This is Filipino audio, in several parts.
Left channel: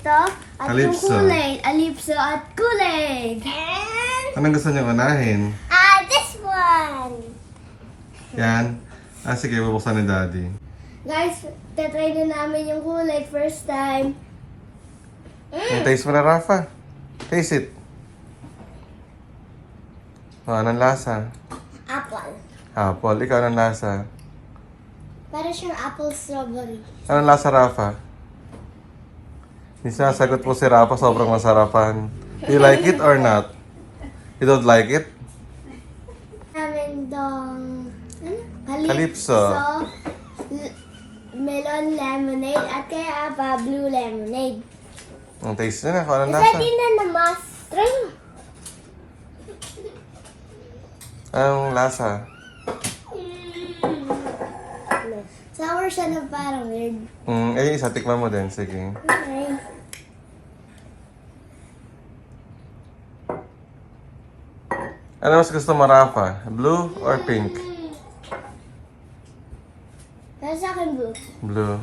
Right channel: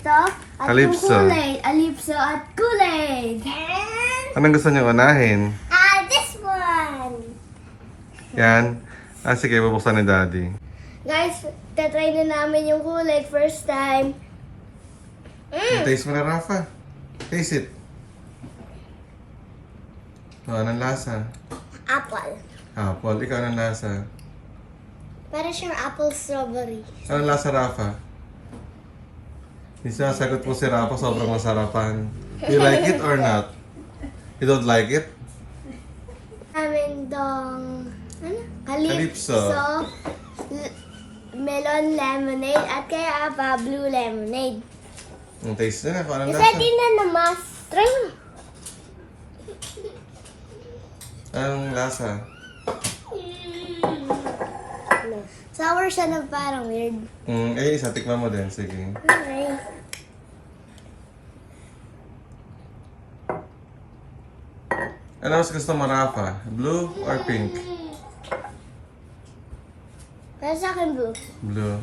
ito at yung Calypso. Kool-Aid. Alipso at Kool-Aid. Anong gusto niyo unahin? This one. Yan. Sige, bubuksan ni Daddy. Guys, tatry na namin yung Kool-Aid first time. Taste mo na, Rafa. Taste it. Anong lasa? Apple. Apple. Ikaw, anong lasa? Para siyang apple strawberry. Anong lasa, Rafa? Hindi sinasagot mo si Rafa, sobrang masarapan. You like it or not? You don't like it? Namin dong Calypso. Melon lemonade at kaya pa blue lemonade. Ang taste na, kung anong Isa lasa? din na naman string. Anong lasa? Sour siya na parang weird. Isa, tikman mo din. Sige. Okay. Ano mas gusto mo, Rafa? Blue or pink? Para sa akin blue. Blue.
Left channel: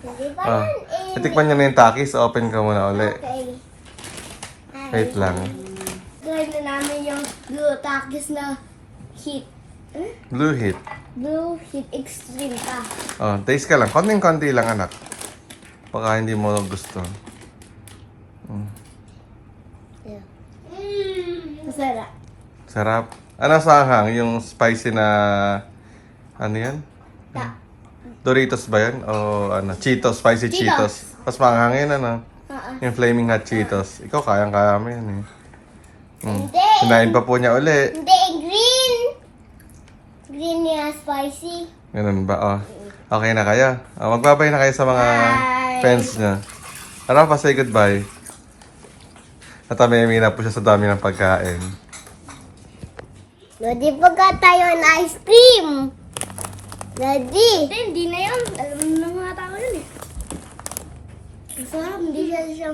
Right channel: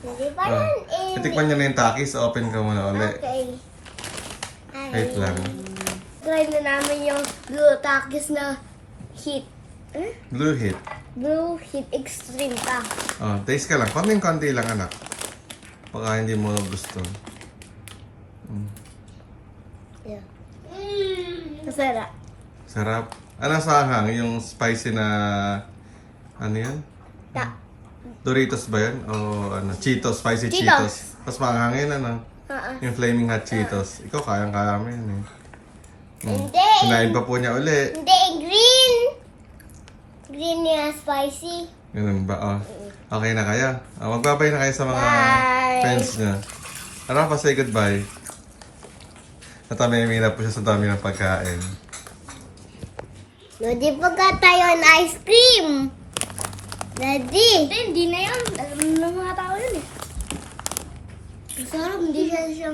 Hindi pa yan Titikman niyo na yung takis. Open ka muna uli. Okay. Wait lang. Try na namin yung blue takis na heat. Blue hit. Blue heat extreme pa. Taste ka lang. Konting-konti lang, anak. Baka hindi mo gusto. Yeah. Masarap. Sarap. Ano sa hanghang? Yung spicy na... Ano yan? Doritos ba yan? O ano? Cheetos. Spicy Cheetos. Cheetos. Mas maanghangin, ano? Uh-uh. Yung flaming hot Cheetos. Ikaw, kayang-kaya mo yan eh. Hindi. Sinain pa po niya uli. Hindi, green. Green niya spicy. Ganun ba? Okay na kayo? Magbabay na kayo sa mga Bye. friends niya. Rafa, say goodbye. Natamimi na po siya sa dami ng pagkain. Daddy, pagka tayo ng ice cream. Daddy. Hindi na yun. Alam ng mga tao yun eh. Masarap, hindi siya